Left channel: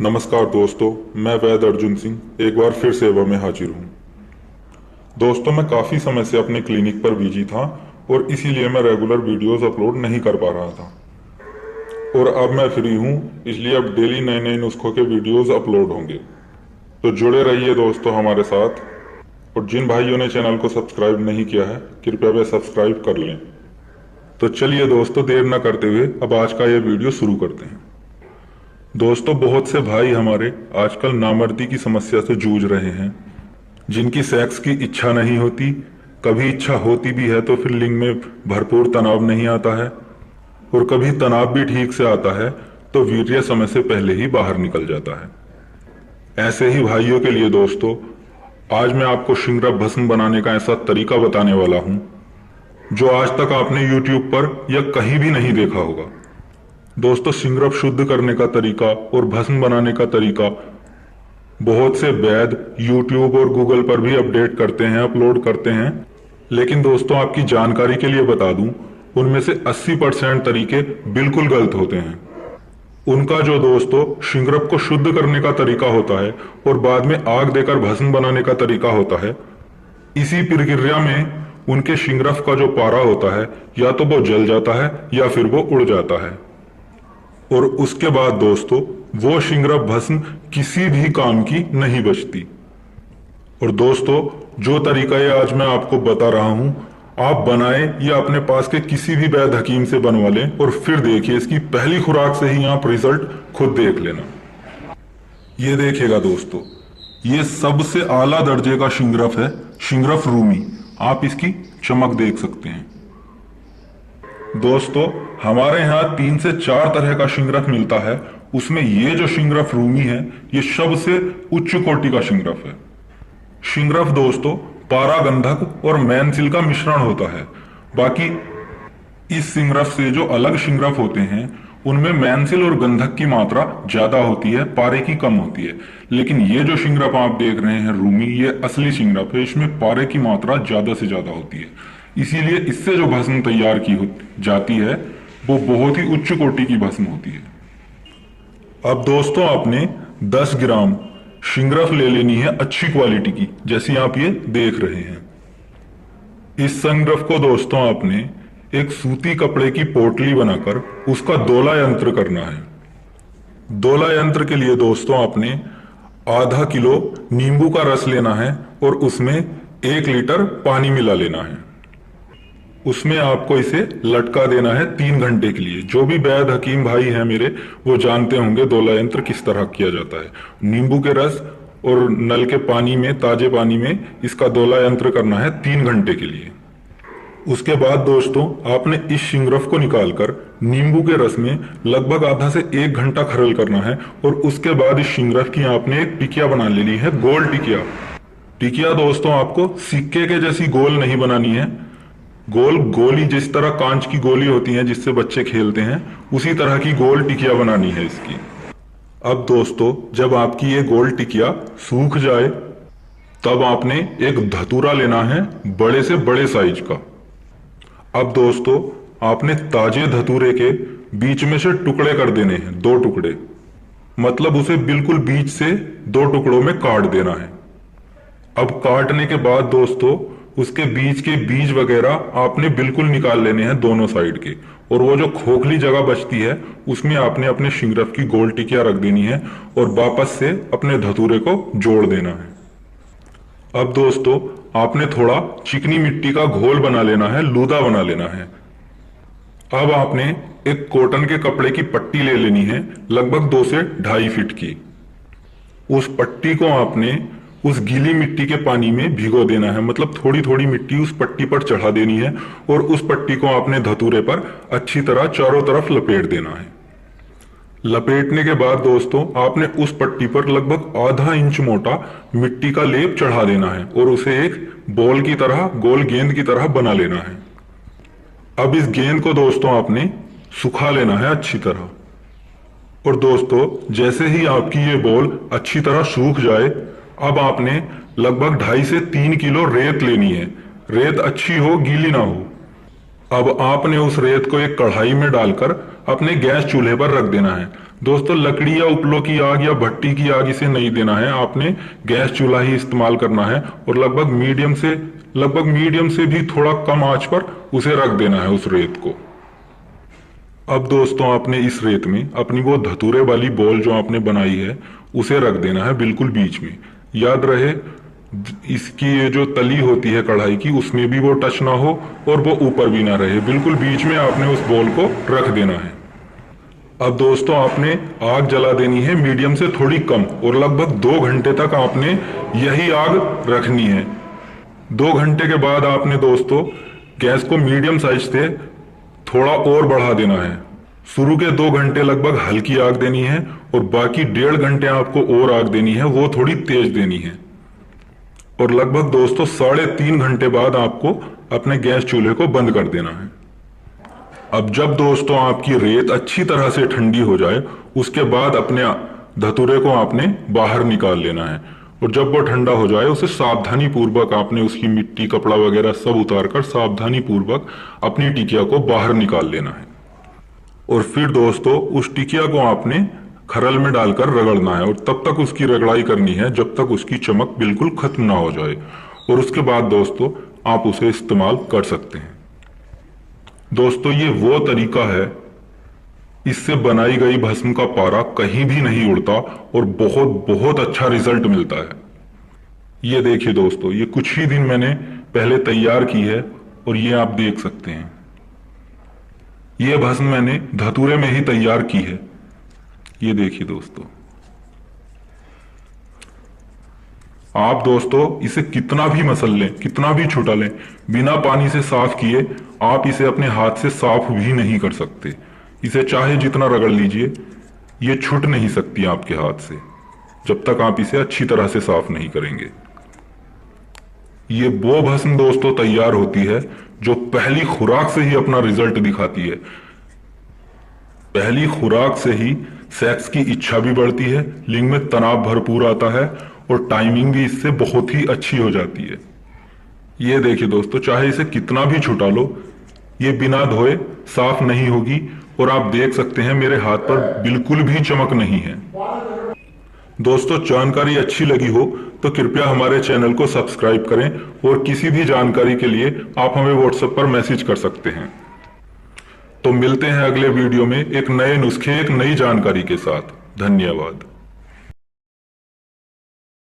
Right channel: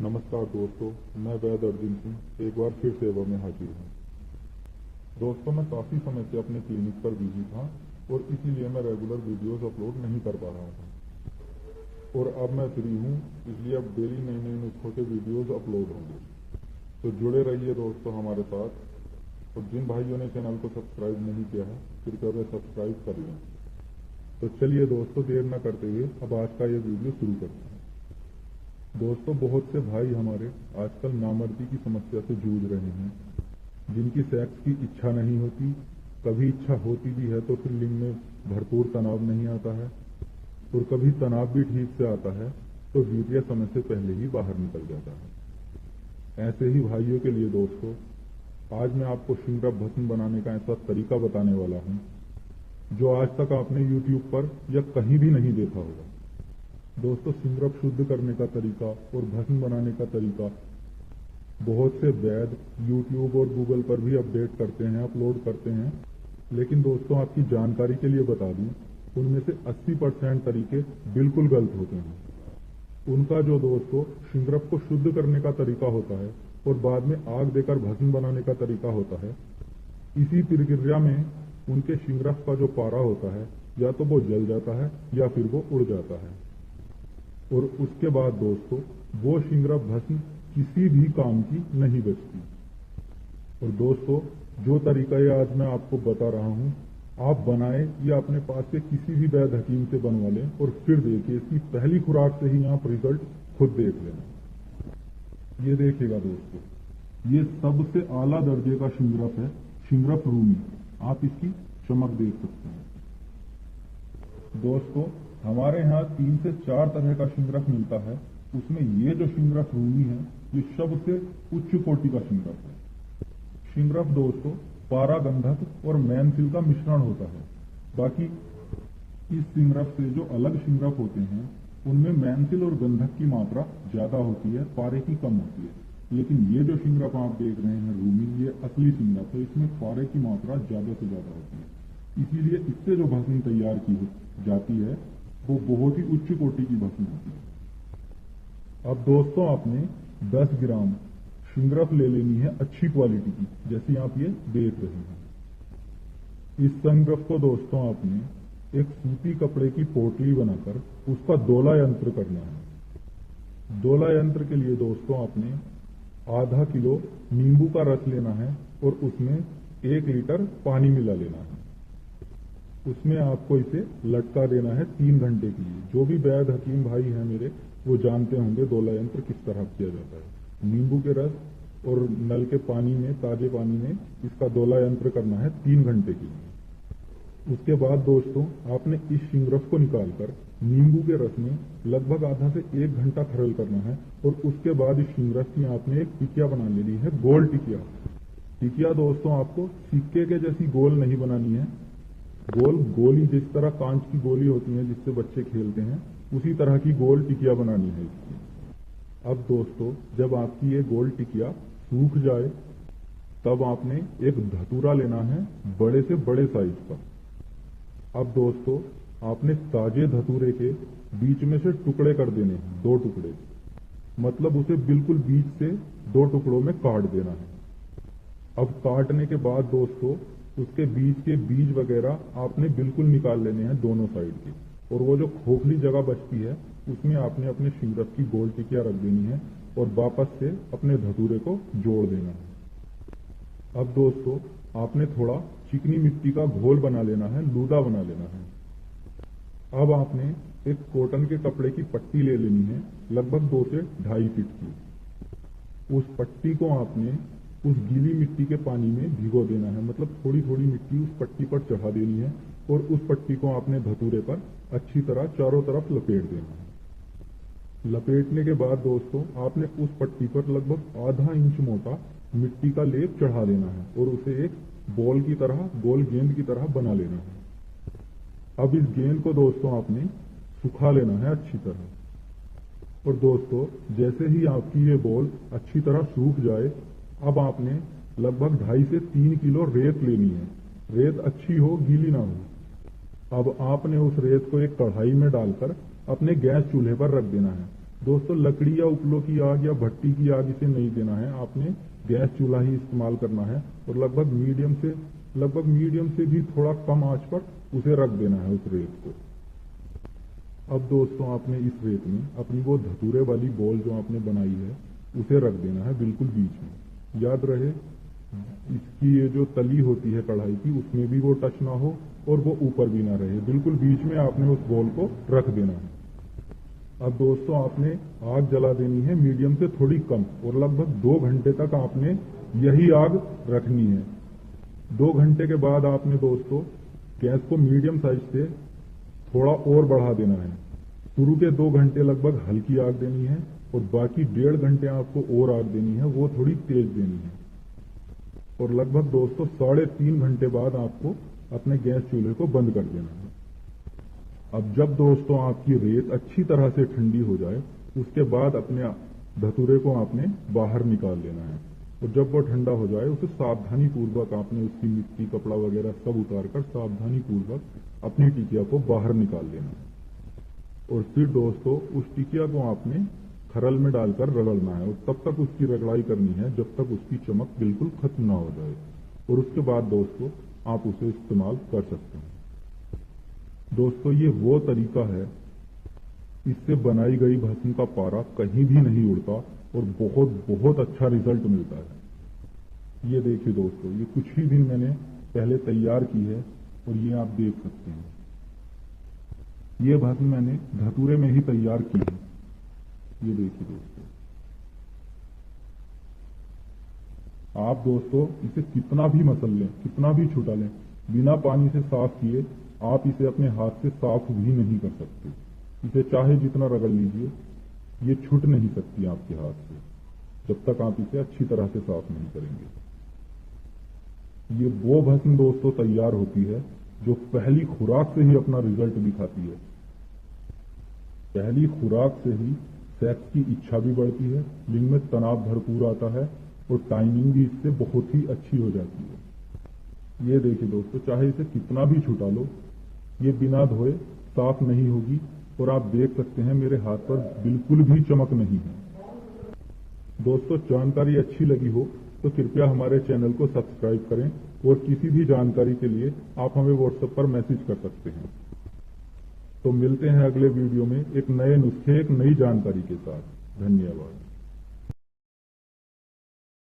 नमस्कार दोस्तों, मैं वैद अर्जुन सिंह एक बार फिर सेवा में हाजिर हूँ। दोस्तों, मैं काफ़ी समय से अपने क्लिनिक पर बिजी था और इसीलिए मैं रेगुलर वीडियोस अपलोड नहीं कर पा रहा था। और अब मैं फ्री हूँ, इसलिए अब डेली नए नए नुस्खों के वीडियोस अपलोड होंगे। तो जुड़े रहिए दोस्तों हमारे साथ। और जिन भाइयों ने चैनल को सब्सक्राइब नहीं किया है, कृपया वे सब्सक्राइब कर लें। तो चलिए दोस्तों, देर न करते हुए अब आज का ये वीडियो शुरू करते हैं। दोस्तों, बहुत से भाई हमारे आजकल नामर्दी की समस्या से जूझ रहे हैं, जिनकी सेक्स की इच्छा नहीं होती, कभी इच्छा होती भी है तो फिर लिंग में भरपूर तनाव नहीं आता है, और कभी तनाव भी ठीक से आता है तो वीर्य समय से पहले ही बाहर निकल जाता है। ऐसे ही भाइयों के लिए दोस्तों, आज मैं आपको शिंगरा भस्म बनाने का ऐसा तरीका बताने वाला हूं जो आज तक आपने YouTube पर या कहीं भी नहीं देखा होगा। दोस्तों, शिंगरफ शुद्ध करने का तरीका और भस्म बनाने का तरीका बहुत से वैद यूट्यूब और गूगल पर भी अपडेट करते हैं, अपलोड करते हैं। लेकिन दोस्तों, आपकी जानकारी के लिए बता दूं, उनमें से 80% तरीके बिल्कुल गलत होते हैं। उनका जो दोस्तों शिंगरफ को शुद्ध करने का तरीका होता है और बाद में आग देकर भस्म बनाने का तरीका होता है, इसी प्रक्रिया में उनके शिंगरफ का जो पारा होता है या तो वो जल जाता है या फिर वो उड़ जाता है। और उसके बाद दोस्तों वो शिंगरफ भस्म किसी भी काम की नहीं बचती। और दोस्तों, जो तरीका ये आज मैं आपको बता रहा हूं, आप बनाएं या अपने पास के किसी भी वैद्य हकीम से बनवा लें और फिर देखिए, इसकी पहली खुराक से ही आप रिजल्ट खुद देख लेना। ये देखिएगा दोस्तों, ये सबसे आला दर्जे का शिंगरफ है, शिंगरफ रूमी। आप इसकी चमक देख सकते हैं। दोस्तों, हमारे यहाँ 3 से 4 तरह का शिंगरफ मिलता है। उसमें ये जो शिंगरफ रूमी है, ये सबसे उच्च कोटि का शिंगरफ है। शिंगरफ दोस्तों पारा गंधक और मैनसिल का मिश्रण होता है। बाकी इस शिंगरफ से जो अलग शिंगरफ होते हैं, उनमें मैनसिल और गंधक की मात्रा ज्यादा होती है, पारे की कम होती है। लेकिन ये जो शिंगरफ आप देख रहे हैं रूमी, ये असली शिंगरफ है। इसमें पारे की मात्रा ज्यादा से ज्यादा होती है। इसीलिए इससे जो भस्म तैयार की जाती है वो बहुत ही उच्च कोटि की भस्म होती है। अब दोस्तों, आपने 10 ग्राम शिंगरफ ले लेनी है अच्छी क्वालिटी की, जैसी आप ये देख रहे हैं। इस शिंगरफ को दोस्तों आपने एक सूती कपड़े की पोटली बनाकर उसका दोला यंत्र करना है। दोला यंत्र के लिए दोस्तों आपने आधा किलो नींबू का रस लेना है और उसमें 1 लीटर पानी मिला लेना है। उसमें आपको इसे लटका देना है 3 घंटे के लिए। जो भी वैद्य हकीम भाई हैं मेरे, वो जानते होंगे दोला यंत्र किस तरह किया जाता है। नींबू के रस और नल के पानी में, ताजे पानी में इसका दोला यंत्र करना है 3 घंटे के लिए। उसके बाद दोस्तों आपने इस शिंगरफ को निकालकर नींबू के रस में लगभग आधा से 1 घंटा खरल करना है। और उसके बाद इस शिंगरफ की आपने एक टिकिया बना लेनी है, गोल टिकिया। टिकिया दोस्तों आपको सिक्के के जैसी गोल नहीं बनानी है। गोली जिस तरह कांच की गोली होती है जिससे बच्चे खेलते हैं, उसी तरह की गोल टिकिया बनानी है इसकी। अब दोस्तों, जब आपकी ये गोल टिकिया सूख जाए, तब आपने एक धतूरा लेना है बड़े से बड़े साइज का। अब दोस्तों आपने ताजे धतूरे के बीच में से टुकड़े कर देने हैं, 2 टुकड़े। मतलब उसे बिल्कुल बीच से 2 टुकड़ों में काट देना है। अब काटने के बाद दोस्तों उसके बीच के बीज वगैरह आपने बिल्कुल निकाल लेने हैं दोनों साइड के। और वो जो खोखली जगह बचती है, उसमें आपने अपने शिंगरफ की गोल टिकिया रख देनी है और वापस से अपने धतूरे को जोड़ देना है। अब दोस्तों आपने थोड़ा चिकनी मिट्टी का घोल बना लेना है, लूदा बना लेना है। अब आपने एक कॉटन के कपड़े की पट्टी ले लेनी है, लगभग 2 से 2.5 फीट की। उस पट्टी को आपने उस गीली मिट्टी के पानी में भिगो देना है। मतलब थोड़ी थोड़ी मिट्टी उस पट्टी पर चढ़ा देनी है और उस पट्टी को आपने धतूरे पर अच्छी तरह चारों तरफ लपेट देना है। लपेटने के बाद दोस्तों आपने उस पट्टी पर लगभग आधा इंच मोटा मिट्टी का लेप चढ़ा देना है और उसे एक बॉल की तरह, गोल गेंद की तरह बना लेना है। अब इस गेंद को दोस्तों आपने सुखा लेना है अच्छी तरह। और दोस्तों जैसे ही आपकी ये बॉल अच्छी तरह सूख जाए, अब आपने लगभग 2.5 से 3 किलो रेत लेनी है। रेत अच्छी हो, गीली ना हो। अब आपने उस रेत को एक कढ़ाई में डालकर अपने गैस चूल्हे पर रख देना है। दोस्तों लकड़ी या उपलों की आग या भट्टी की आग इसे नहीं देना है, आपने गैस चूल्हा ही इस्तेमाल करना है और लगभग मीडियम से भी थोड़ा कम आंच पर उसे रख देना है उस रेत को। अब दोस्तों आपने इस रेत में अपनी वो धतूरे वाली बॉल जो आपने बनाई है उसे रख देना है बिल्कुल बीच में। याद रहे इसकी ये जो तली होती है कढ़ाई की उसमें भी वो टच ना हो और वो ऊपर भी ना रहे, बिल्कुल बीच में आपने उस बॉल को रख देना है। अब दोस्तों आपने आग जला देनी है मीडियम से थोड़ी कम और लगभग 2 घंटे तक आपने यही आग रखनी है। 2 घंटे के बाद आपने दोस्तों गैस को मीडियम साइज से थोड़ा और बढ़ा देना है। शुरू के 2 घंटे लगभग हल्की आग देनी है और बाकी 1.5 घंटे आपको और आग देनी है, वो थोड़ी तेज देनी है। और लगभग दोस्तों 3.5 घंटे बाद आपको अपने गैस चूल्हे को बंद कर देना है। अब जब दोस्तों आपकी रेत अच्छी तरह से ठंडी हो जाए उसके बाद अपने धतूरे को आपने बाहर निकाल लेना है और जब वो ठंडा हो जाए उसे सावधानी पूर्वक आपने उसकी मिट्टी कपड़ा वगैरह सब उतार कर सावधानी पूर्वक अपनी टिकिया को बाहर निकाल लेना है। और फिर दोस्तों उस टिकिया को आपने खरल में डालकर रगड़ना है और तब तक उसकी रगड़ाई करनी है जब तक उसकी चमक बिल्कुल खत्म ना हो जाए और उसके बाद दोस्तों आप उसे इस्तेमाल कर सकते हैं। दोस्तों ये वो तरीका है, इससे बनाई गई भस्म का पारा कहीं भी नहीं उड़ता और बहुत बहुत अच्छा रिजल्ट मिलता है। ये देखिए दोस्तों, ये कुछ ही दिन मैंने पहले तैयार की है और ये आप देख सकते हैं। ये भस्म मैंने धतूरे में ही तैयार की है। ये देखिए दोस्तों, आप दोस्तों इसे कितना भी मसल लें, कितना भी छुटा लें, बिना पानी से साफ किए आप इसे अपने हाथ से साफ भी नहीं कर सकते। इसे चाहे जितना रगड़ लीजिए ये छूट नहीं सकती आपके हाथ से जब तक आप इसे अच्छी तरह से साफ नहीं करेंगे। ये वो भस्म दोस्तों तैयार होती है जो पहली खुराक से ही अपना रिजल्ट दिखाती है। पहली खुराक से ही सेक्स की इच्छा भी बढ़ती है, लिंग में तनाव भरपूर आता है और टाइमिंग भी इससे बहुत ही अच्छी हो जाती है। ये देखिए दोस्तों, चाहे इसे कितना भी छुटा लो ये बिना धोए साफ नहीं होगी और आप देख सकते हैं मेरे हाथ पर बिल्कुल भी चमक नहीं है। दोस्तों जानकारी अच्छी लगी हो तो कृपया हमारे चैनल को सब्सक्राइब करें और किसी भी जानकारी के लिए आप हमें व्हाट्सएप पर मैसेज कर सकते हैं। तो मिलते हैं अगले वीडियो में एक नए नुस्खे, एक नई जानकारी के साथ। धन्यवाद।